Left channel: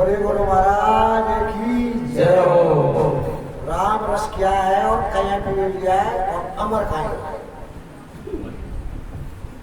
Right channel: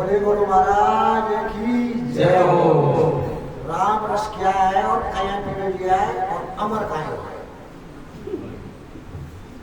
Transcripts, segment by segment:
बोले गुरु महाराज की जय हो। राम रस क्या है और कया पे लिया है और अमर का है।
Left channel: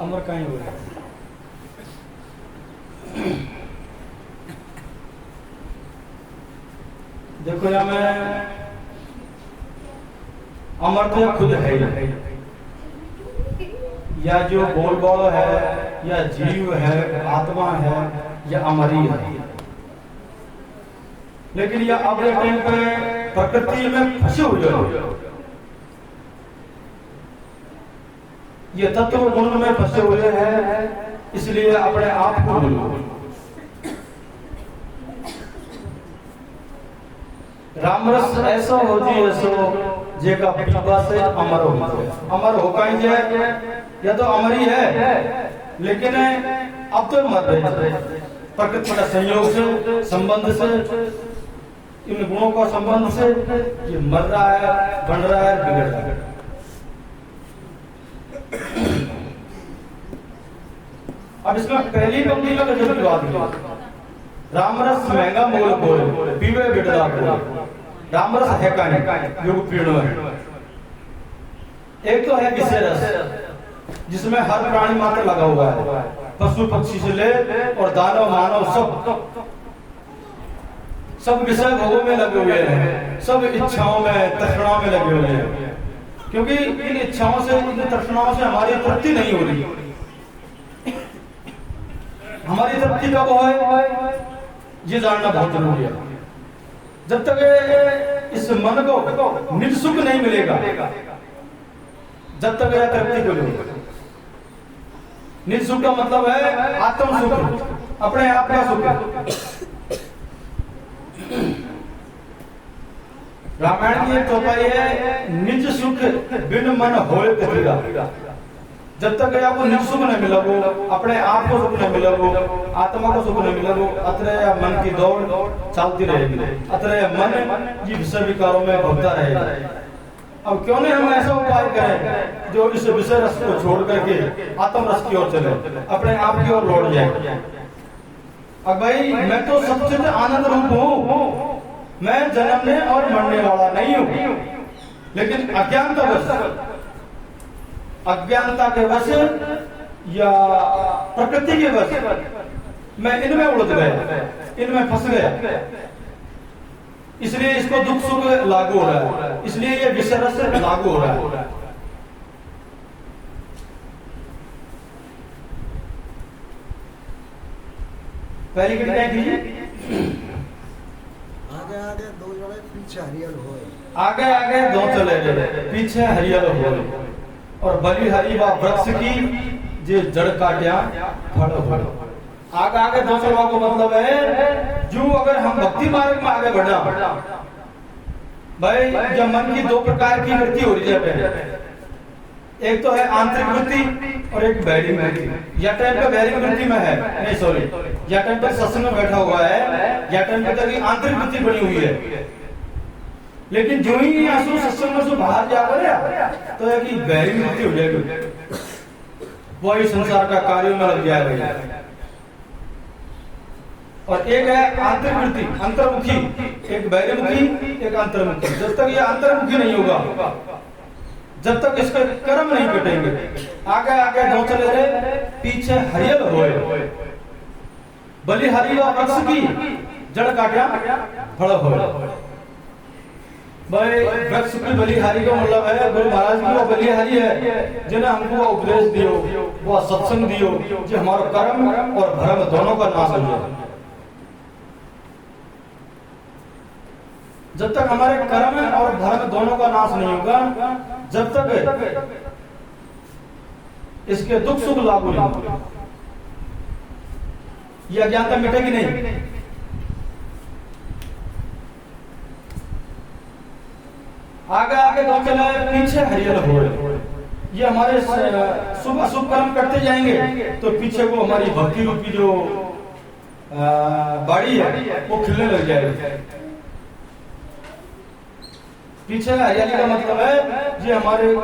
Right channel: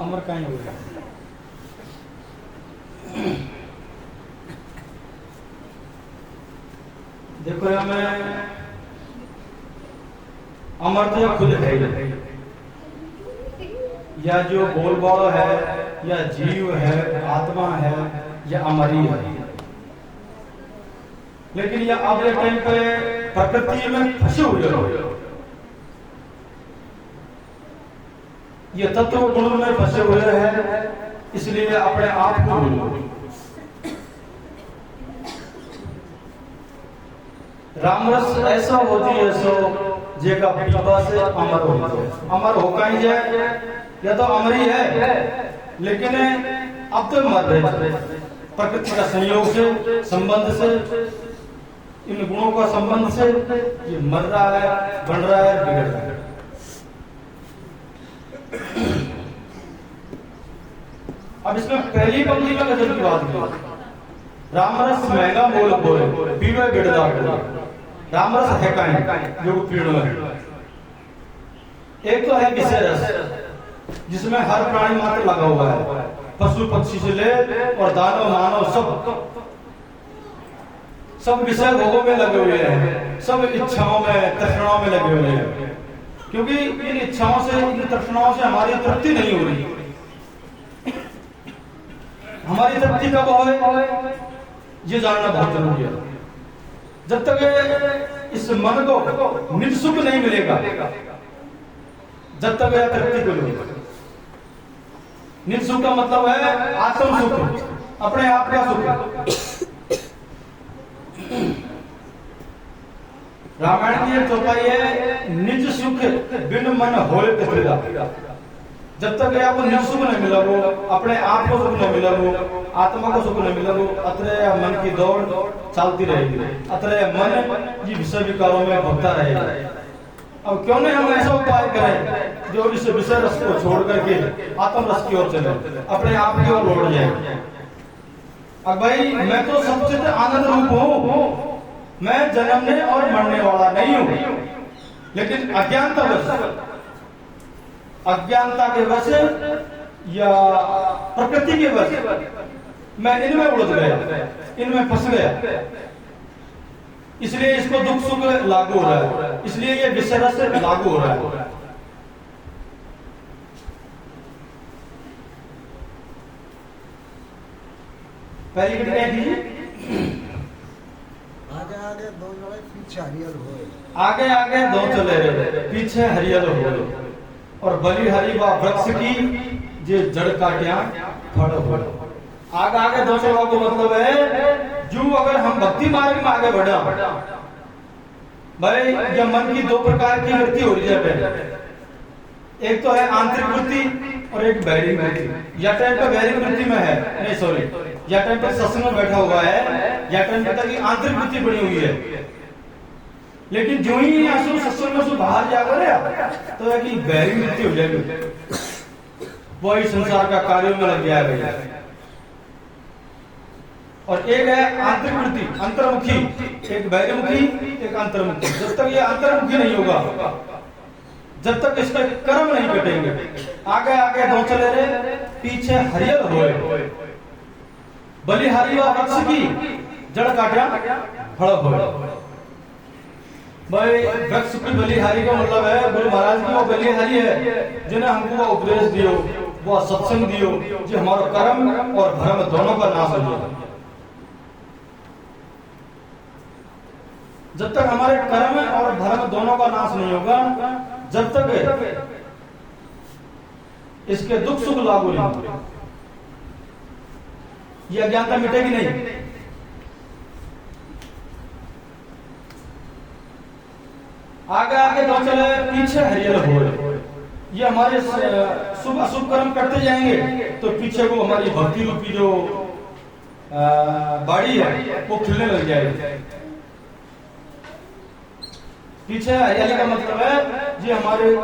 अमर कहीं हो गया। देखो यहाँ में अमर तो खुद है ही, या जो बोल बाल है या जीव है आत्मा है या अमरी है। लेकिन ये अब ये टाइम पे प्रकृति में फंसे हुए हो, ये तत्व गुण में फंसे हुए हैं, इसलिए अपने आप को भूलो। रामरस ऐसा होती है सो जेका पीवा से अमर हो जाए। अमर होका ही जाए या तो अमर ही है, लेकिन अब तो मर रहे प्रकृति का संयोग से संबंध से इन गुणों का संबंध से ये मर रहा है, बन रहा है, बिगड़ रहा है। अब इसमें पहली पंक्ति में गजब की बात की, रामरस महंगा मोल बोले पीवे बिड़दा बोले। रामरस है कहीं जो पीड़ो है। एक तो है विषय रस जिसमें हर प्राणी मात्र लगा हुआ है, पशु पक्षी से ले और दानव मानव सब विषय भोगों में लगे हुए हैं, सब इच्छाओं में तृष्णाओं में लगे हुए हैं। क्योंकि इन इच्छाओं से इन तृष्णाओं से हमारी तृप्ति नहीं हो रही। हमारी तृप्ति कब हो ये जानना बहुत जरूरी है। जब तक इस मन को निज सुख नहीं मिलेगा, जब तक यह तृप्ति को मिलेगा। निज सुख का मतलब है आत्म सुख, अपने आप का सुख। रामायण की एक चौपाई है, निज सुख बिन मन होए कबीरा। जब तक आपको निज सुख नहीं मिला वो, अपने आप को सुख नहीं मिला वो, आत्मा को सुख नहीं मिला वो, अतरे मन की दौड़ चलती रहेगी, अतरे मन ये विषय विकारों में भगता रहेगा। अब क्यों नहीं हम ऐसा उपाय करें जो इस विषय रस को छोड़ करके आत्म रस की ओर चले, अपने आप की ओर लौट जाए। अब भाई मैं तो सच्चिद आनंद रूप हूँ, मैं जन्मने और मरने वाला नहीं हूँ, लेकिन अज्ञानता के वश या प्रकृति के वश मैं इनमें उलझ गया, इनमें फंस गया, इसलिए इसको दुख सुख लागू हो रहा है, इसलिए ये विषय रस लागू हो रहा है। पहली की क्या कीजिए, आगे आगे दो जोड़े पीछे हरियल हो, आगे आगे दो चले गए पीछे हरियल हो। और बलिहारी व वृक्ष की जे जड़ काट्या फल हो। आगे आगे दो चलवा को मतलब है जो अगर हम भक्ति मार्ग में आगे बढ़ा भाई, जब मन की दो प्रकार की वृत्ति हो रही है, एक तो है आंतरिक वृत्ति और एक बैरिक वृत्ति। या टाइम पे बैरिक वृत्ति में है, नहीं सॉरी, या टाइम पे सत्संग में बैठा हुआ है, या टाइम पे तक आंतरिक वृत्ति बनी हुई है। लेकिन जो ही आंसू सत्संग में से बाहर जा करे तो एक बैरिक वृत्ति हो जाएगी, वही संसार का कार्यों में लग जाएगा। और एक है आंतरिक वृत्ति अंतर्मुखी, एक बहिर्मुखी एक अंतर्मुखी। जब तक ये अंतर्मुखी नहीं होगा, जब तक इसके कर्म नहीं कटेंगे, आगे आगे दो चले रहे पीछे हरियल होए। बलिहारी व वृक्ष की जड़ काट्या फल होए। भाई वृक्ष की बलिहारी का मतलब है गुरु महाराज की वो बलिहारी है जिन्हें हमको वो उपदेश दियो, वो सत्संग दियो, जो हमारा कर्म और भ्रम दोनों का नाश हो जाए। जब तक हमारे कर्म और भ्रम दोनों का नाश नहीं होगा, जब तक इसके दुख सुख लागू नहीं होंगे, ये अज्ञानता मिटेगी नहीं। आगे आगे दो चले पीछे हरियल हो। ये हमारे शुभ अशुभ कर्म करते जाएंगे तो पीछे को हमारी भक्ति रूपी जो बाड़ी है वो खिलने लग जाएगी। पीछे हरियाली का मतलब है ये हमारे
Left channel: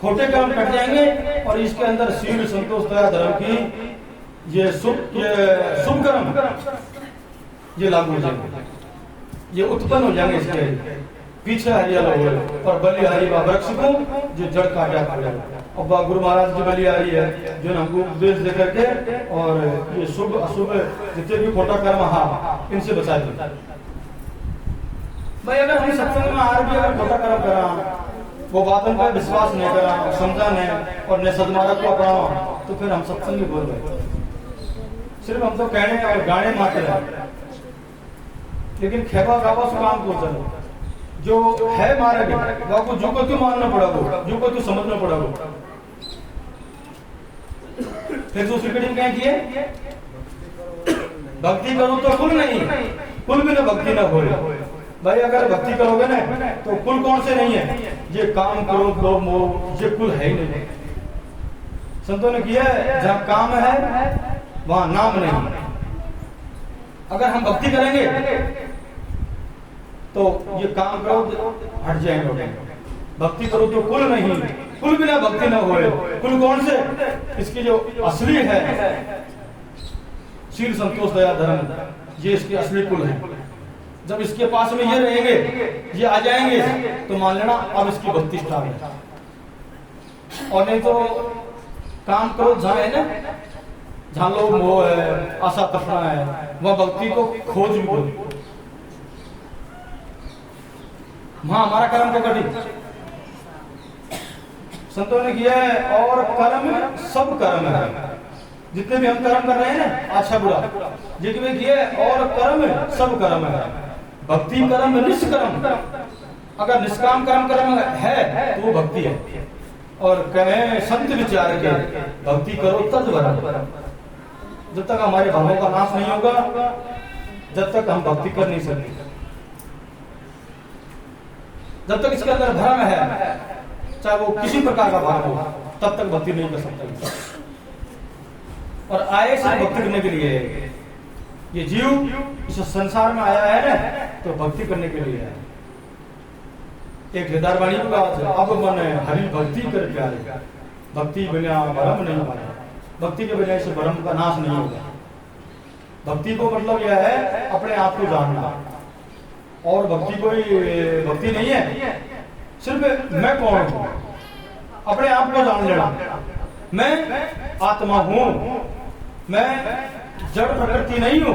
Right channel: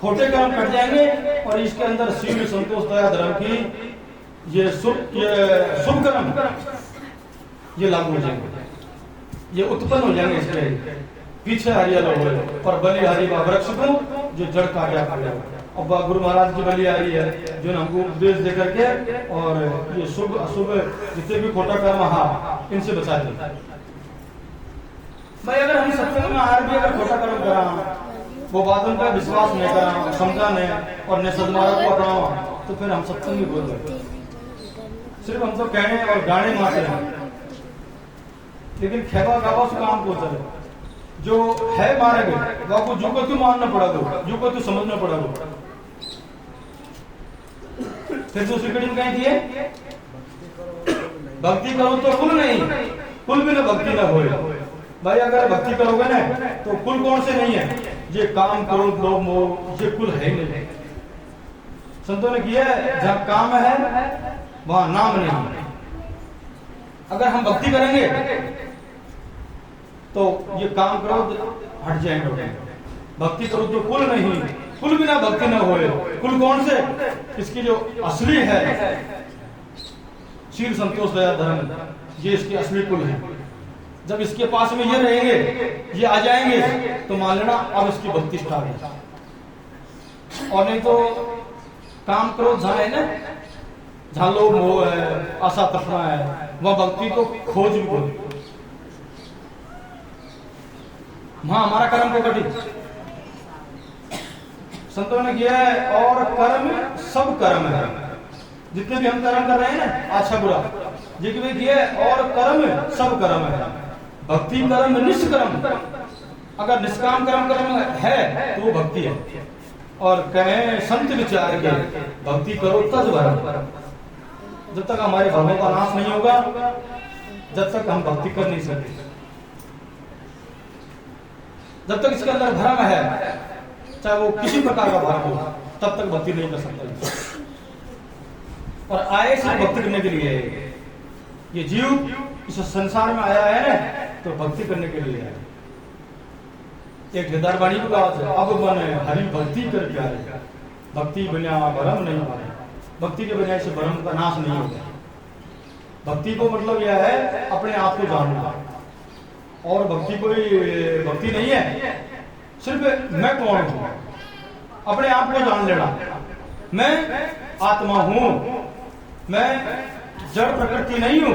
खोटे कर्म कट जाएंगे और इसके अंदर शील संतोष दया धर्म की ये शुभ कर्म ये लागू हो जाएंगे, ये उत्पन्न हो जाएंगे इसके पीछे हरियाला हो गए और बलिहारी बा वृक्ष को जो जड़ काटा पड़ेगा। अब गुरु महाराज की बलिहारी है जो हमको उपदेश दे करके और ये शुभ अशुभ जितने भी खोटा कर्म इनसे बचा दिए। भाई अगर हम सत्संग में हार भी अगर खोटा कर्म करा, वो बातों का विश्वास नहीं करा, समझा नहीं और न सदमार्ग को अपनावा, तो फिर हम सत्संग ही बोल रहे, सिर्फ हम सब कहने और गाने मात्र हैं, लेकिन खेवा गावा से काम को चलो जो है मारेंगे वो आपको जो को क्यों मानना पड़ा, जो को क्यों समझना पड़ा। फिर दूसरी पीढ़ी में कहीं दिए भक्ति करो तो कुल नहीं, कुल भी ना भक्ति ना हो। भाई अगर भक्ति करोगे ना तो कुल कौन से नहीं है, ये काम करो लोभ मोह, ये कुल है ही नहीं। संतों ने किया है जहां काम है वहां नाम नहीं। अगर हम भक्ति करेंगे तो ये काम करो हट जाएंगे। भक्ति करो तो कुल नहीं, कुल बिना भक्ति न होए। कुल कौन से, इसकी जो असली है शील संतोष दया धर्म, ये इसके असली कुल है। जब इसके पास में ये रहेंगे, ये आ जाएंगे तो मान लेना अब इसकी भक्ति स्टार्ट है। और नहीं तो काम करो जहां है ना, जहां लोग मोह है, आशा तृष्णा है, वह भक्ति को खोज भी करो, वहां हमारा कर्म को कटी। संतों ने किया है और कर्म सब कर्म है, जितने भी हम कर्म कर रहे हैं ना अच्छा बुरा, जितने भी किए और कर्म सब कर्म है। भक्ति कर्म निष्कर्म, अगर निष्काम कर्म है तो वो भक्ति है। और कहे संत विचार के भक्ति करो तज भरम, जब तक हमारे भावों का नाश नहीं होगा जब तक हम भक्ति कर नहीं सकते। जब तक इसके अंदर भ्रम है, चाहे वो किसी प्रकार का भ्रम हो, तब तक भक्ति नहीं कर सकता। और आए सिर्फ भक्ति करने के लिए, ये जीव इस संसार में आया है ना तो भक्ति करने के लिए है। एक केदार वाणी को कहा, अब मन हरि भक्ति कर प्यारे, भक्ति बिना भरम नहीं मारे। भक्ति के बिना इसे भरम का नाश नहीं होगा। भक्ति को मतलब यह है अपने आप को जानना, और भक्ति कोई भक्ति नहीं है सिर्फ मैं कौन हूं, अपने आप को जान लेना। मैं आत्मा हूं, मैं जड़ प्रकृति नहीं हूं,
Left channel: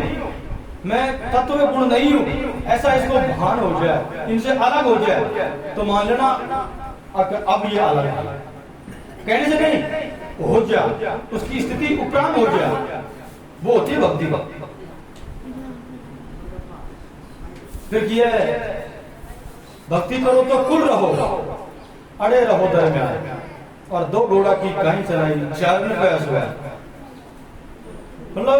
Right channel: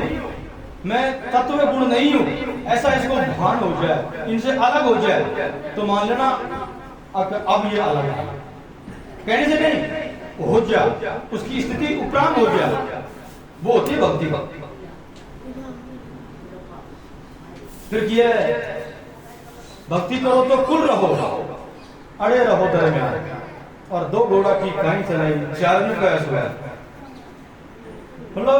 मैं तत्व गुण नहीं हूं, ऐसा इसको भान हो जाए, इनसे अलग हो जाए तो मान लेना अब ये अलग है। कहने से नहीं हो जाए, उसकी स्थिति उपराम हो जाए, वो होती है भक्ति। फिर ये भक्ति करो तो कुल रहो, अड़े रहो दरम्यान, और दो घोड़ा की कहानी चलाई, चार में प्रयास हुआ। मतलब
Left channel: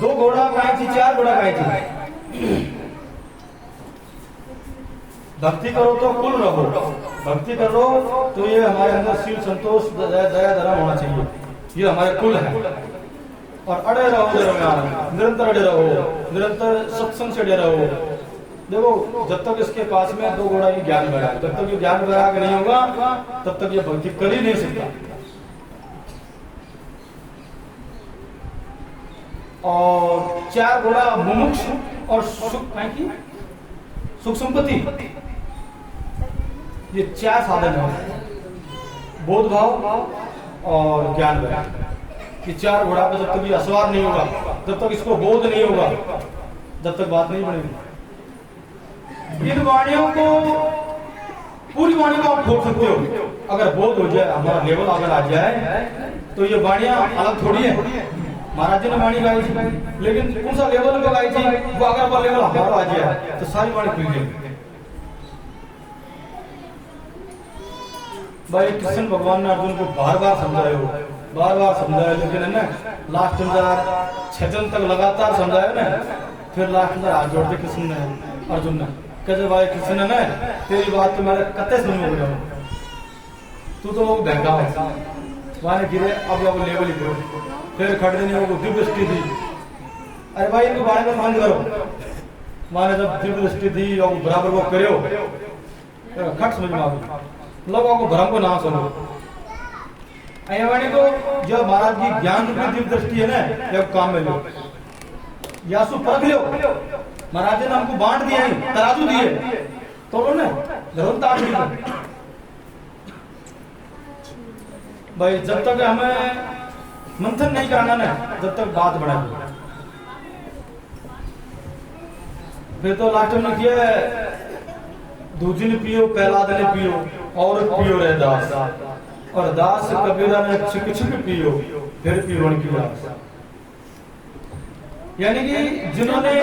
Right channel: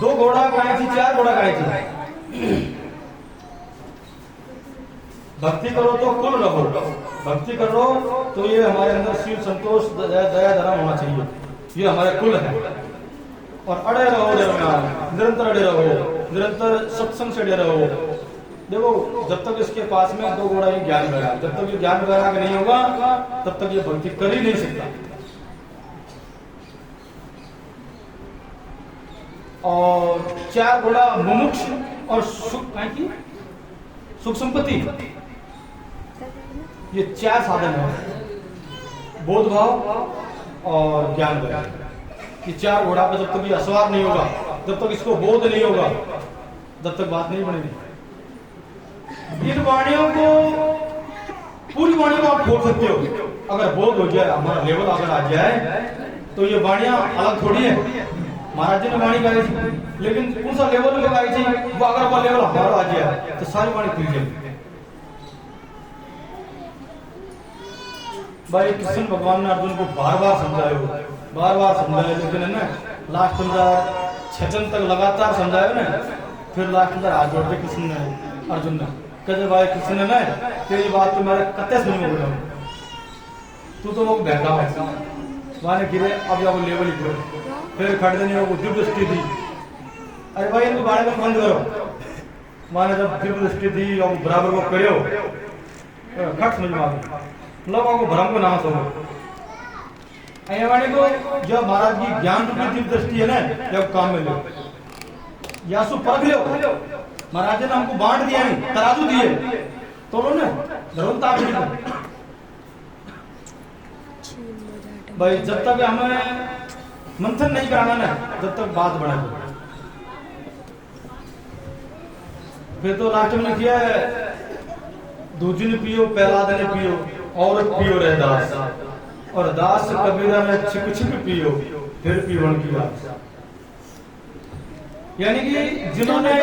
दो घोड़ा गाय थी, चार घोड़ा गाय थी। भक्ति करो तो कुल रहो, भक्ति करो तो ये हमारे अंदर शिव संतोष दया धर्म होना चाहिए, ये हमारे कुल है। और अड़े रहो दरम्यान, निरंतर अड़े रहो, निरंतर सत्संग से अड़े रहो। देखो जब तक इसके पास में दो घोड़ा ही ज्ञान वैराग, जब तक ये ज्ञान वैराग नहीं होगा तब तक ये भक्ति कर ही नहीं सकता। और चार घोड़ा मुमुक्ष और सुख संपत्ति, ये चार साधन है, बोध भाव और ज्ञान वैराग। ये चार घोड़ा पर जब तक ये असवार नहीं होगा, जब तक इसको बोध नहीं होगा, जब तक बात नहीं बनेगी। इन वाणियों को, पूरी वाणियों को आप खोल सकते हो। अगर बोध हो जाए, हमारा लेवल अगर आ जाए तो ये वाणियां अलग थोड़ी है। महाराज जी ने वाणी गाई थी, लेकिन कौन सा लेवल में गाई थी, वो अगर वो लेवल हमारा आ जाए तो सारी वाणी खुल जाएगी। भाई कृष्ण भगवान ने अर्जुन को बार बार समझाया, लेकिन है ना लास्ट 6 तक लगातार समझाया ना, फिर लास्ट हाथ जोड़ते कृष्ण ने अर्जुन ने कहते, भाई कृष्ण ने तेरी बात तो मेरा कत्ते से नहीं हो रहा, तू तो वो बहका वहां गिरे, अब या वो लेवल ही करो। फिर खड़े नहीं वो दिव्य दृष्टि थी, अरे भाई इनके बारे में बंद करो, वहां जब दिव्य दृष्टि थी और बराबर वो करो, खट समझ में आ गई, लोगों को भ्रम को ना सुनो। वाणी को जब महाराज की ज्ञान रूपी दिव्य दृष्टि है ना, जब काम में लो, यासु परख लो, महाराज ने हमको बांट दिया ही, तराजू दिए, तो लो ना जरूर ताकड़ी भाई। जब तक हमें मंथन नहीं कराना ना, जब तक बात बढ़ा फिर तो लास्ट में किया दूजी ने पियो, प्रहलाद ने पियो, और पियो रे दास, और दास कबीरा ने छिप छिप पियो, फिर पियो पिया। यानी कि जिन्होंने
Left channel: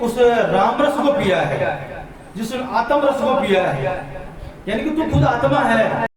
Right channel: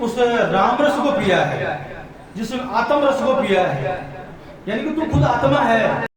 उस राम रस को पिया है, जिस आत्म रस को पिया है, यानी कि तू खुद आत्मा है,